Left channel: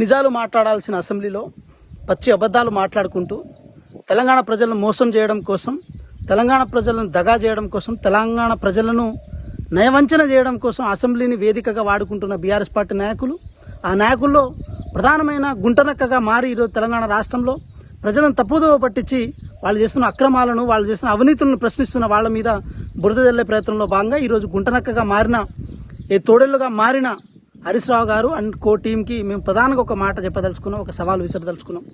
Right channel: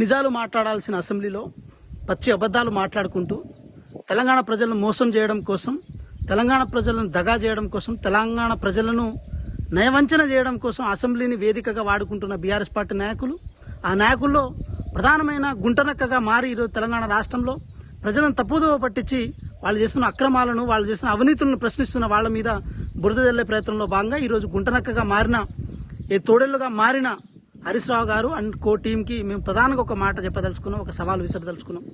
నిజాలు మాట్లాడాల్సిన అసెంబ్లీలో పచ్చి అబద్ధాలు మాట్లాడుకుంటూ తెలంగాణ ప్రజలను మోసం చేయడం కోసం, తెలంగాణ ప్రజలను దగా చేయడం కోసం, తెలంగాణ ప్రజలను నయవంచన చేయడం కోసం అసెంబ్లీని వేదికగా వాడుకుంటున్న బీఆర్ఎస్ పార్టీ నాయకులు, ఆ నాయకుల్లో ప్రధానమైన గుంటనక్కగా మారి ఈరోజు తెలంగాణ రాష్ట్రంలో ప్రజలను తప్పుదోవ పట్టించి వాళ్ళు చేస్తున్న అక్రమాలను, వాళ్ళు చేస్తున్న అవినీతులను ప్రశ్నిస్తున్న వాళ్ళ మీద బురద జల్లే ప్రయత్నంలో భాగంగా ఈరోజు గుంటనక్కగా మారిన, తోడేళ్లుగా మారిన హరీష్ రావు గారు అండ్ కో టీంకి మేము ప్రధానంగా ఒక మాట చెప్పదలుచుకున్నాం, ఒక సవాల్ విసరదలుచుకున్నాం.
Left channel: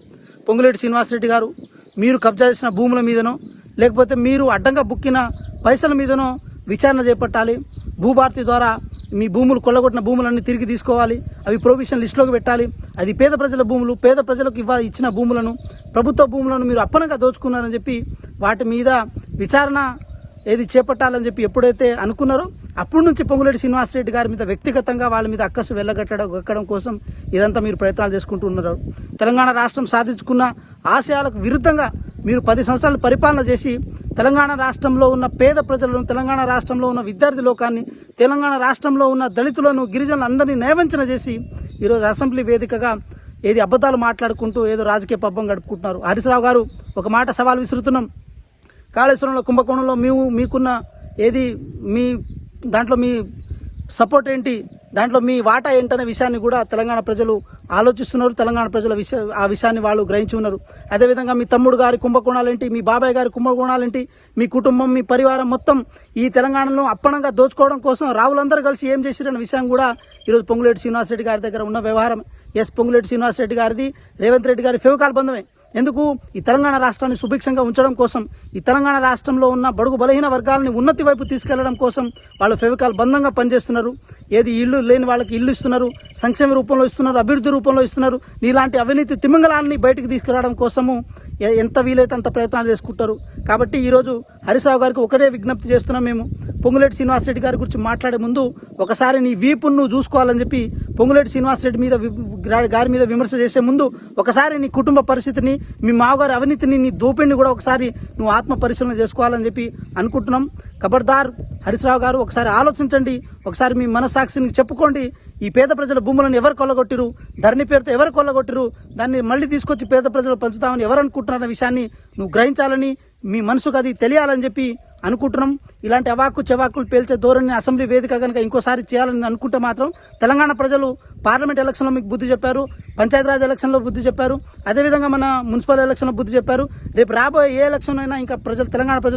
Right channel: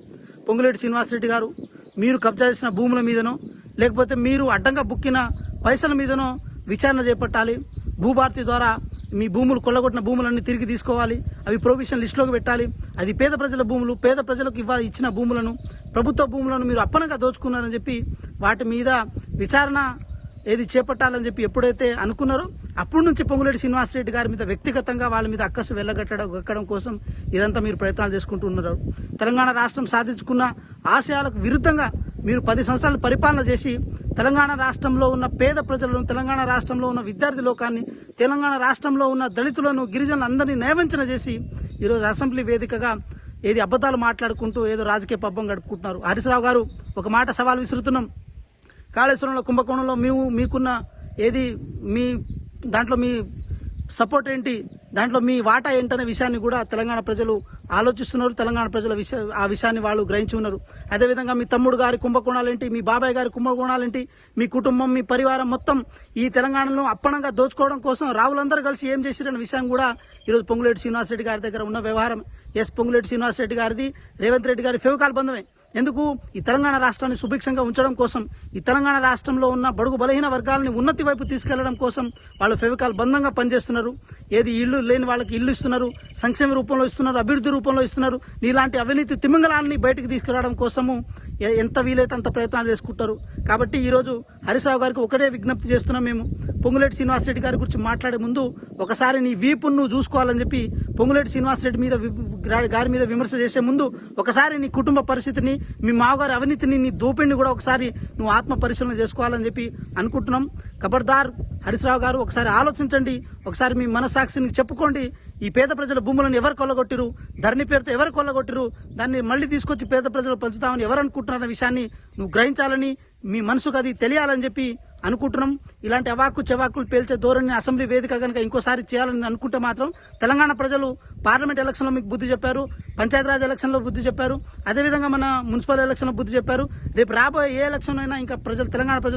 పొంగులేటి శ్రీనివాసరెడ్డి గారు, మీరు కబ్జా చేసిన భూముల మీదనో లేకపోతే మీరు అడ్డంగా బుక్కిన పైసల మీదనో విచారణ చేపట్టాలి. భూభారతి ద్వారా మీ భూములు కొల్లగొట్టిన భూములన్నీ తిరిగి తీసుకోవాలి, అవి ప్రొవిషన్ లిస్టులోకి పెట్టాలి. అది పేద ప్రజల భూములు, పేద ప్రజలకు ఇచ్చిన భూములను, ప్రభుత్వ భూములను మీరు అప్పనంగా దోచుకున్నారని చెప్పి వాటి మీద విచారణ చేపట్టాలని చెప్పి ఎప్పుడైతే అనుకున్నారో అప్పటి నుంచి పొంగులేటి శ్రీనివాసరెడ్డి గారి మీద వ్యక్తిగతంగా వాళ్ళ మీద అక్కసు వెళ్ళగట్టడం కోసం ఇదంతా మీరు ప్రయత్నాలు చేసుకుంటూ ఉన్నారు. తెలంగాణ రాష్ట్రం సాధించుకున్న ఆశయాలకు విరుద్ధంగా మీరు 10 సంవత్సరాలు పరిపాలన చేసి తెలంగాణ రాష్ట్రంలో ఉన్న పేద ప్రజలను, తెలంగాణ రాష్ట్రంలో ఉన్న విద్యార్థి లోకాన్ని, తెలంగాణ రాష్ట్రంలో ఉన్న దళితులను, గిరిజనులు అందరినీ నయవంచన చేసి ఈరోజు అసెంబ్లీ వేదికగా అబద్ధాలు మాట్లాడుకుంటూ రాజకీయ పబ్బం గడుపుకుంటున్నారు. హరీష్ రావు గారు, ఒక మాట సవాల్ విసురుతున్నాం. కాళేశ్వరంలో, కుంభకోణంలో మీకున్న మీ దాంట్లో మీ సపోర్ట్ ఏంటి, దాంట్లో మీ వాటా ఏంటనే విషయాన్ని కూడా తెలంగాణ ప్రజలు ఆలోచిస్తున్నారు. తెలంగాణ ప్రజల ఆ విషయాన్ని వాళ్ళు గ్రహించి ఉన్నారు. అదేవిధంగా మీ తమ్ముడు గారి కుంభకోణాలేంటి, మీ బాబాయ్ గారి కుంభకోణాలేంటి, మీ కుటుంబం, మీ పరివారం మొత్తం ఈ తెలంగాణలో అప్పనంగా దోచుకోవడం కోసం రావులందరూ కలిసి ఏం చేసిరన్న విషయం కూడా ఈరోజు పొంగులేటి శ్రీనివాసరెడ్డి గారి దగ్గర ఉన్న వ్యవహారం. పొంగులేటి శ్రీనివాసరెడ్డి గారిది రేవంత్ రెడ్డి గారి ఫేవకాల బంధమే. ఎందుకు? ఈ తెలంగాణ రాష్ట్రాన్ని సుభిక్షంగా ఉంచడం కోసం, ఈ తెలంగాణ రాష్ట్రంలో ఉన్న బడుగు బలహీన వర్గాలని ఉన్నతి వైపు తీసుకెళ్లడం కోసం వాళ్ళు ఫేవకాల బంధంగా పనిచేస్తున్నారు. ఇల్లు లేని వాళ్ళకి ఇల్లు ఇస్తున్నారు, సంక్షేమ రూపంలో ఇస్తున్నారు, అభివృద్ధి రూపంలో ఇస్తున్నారు. నీలాంటి అవినీతి తిమింగళాన్ని బయటకు తీసుకురావడం కోసము ఎంత వీలైతే అంత ప్రయత్నాలు చేసుకుంటారు. కాబట్టి ఈరోజు హరీష్ రావు గారికి ఒకటే విజ్ఞప్తి చేస్తున్నాం. మేము పొంగులేటి శ్రీనివాసరెడ్డి గారి గురించి మాట్లాడే ముందు ఒకసారి నీ వీపును నువ్వు చూసుకోవాలని చెప్పి, పొంగులేటి శ్రీనివాసరెడ్డి గారి మీద విమర్శ చేసే ముందు ఒకసారి నీ కుటుంబ పరిస్థితిని, మీ మామగారి అవినీతిని, నీ దోపిడిని కూడా ఒకసారి నువ్వు ఆత్మ పరిశీలన చేసుకోవాలని చెప్పి అనుకుంటున్నాం. ఖబర్దార్ హరీష్ రావు గారు, ఒకసారి ఆలోచించండి, ఒకసారి మీ మనస్సాక్షిని చెప్పుకోండి. ఈ పేద ప్రజల భూములను ఎవరు కొల్లగొట్టిరు, ధరణి పేరుతో ఎవరు కొల్లగొట్టిరు, దాన్ని మళ్ళీ తీసుకొచ్చి పేద ప్రజలు పంచుతామని ఎవరు అనుకుంటున్నారన్న విషయాన్ని నువ్వు గ్రహించాలని, మీ మనసుకు అది తెలియాలని చెప్పి అనుకుంటున్నాం. ఇలాంటి అవాక్కు చెవాకులు పేల్చే ధోరణి అసెంబ్లీ వేదిక కనుక ఇంకోసారి చేయాలని అనుకుంటే మాత్రం తెలంగాణ ప్రజలు పార్లమెంట్ ఎలక్షన్లో మీకు బుద్ధి చెప్పారు, పంచాయతీరాజ్ ఎలక్షన్లో బుద్ధి చెప్పారు, అదేవిధంగా మన మున్సిపల్ ఎలక్షన్లో బుద్ధి చెప్పారు. రేపు రాబోయే ఏ ఎలక్షన్ అయినా ఇంకా తెలంగాణ ప్రజలు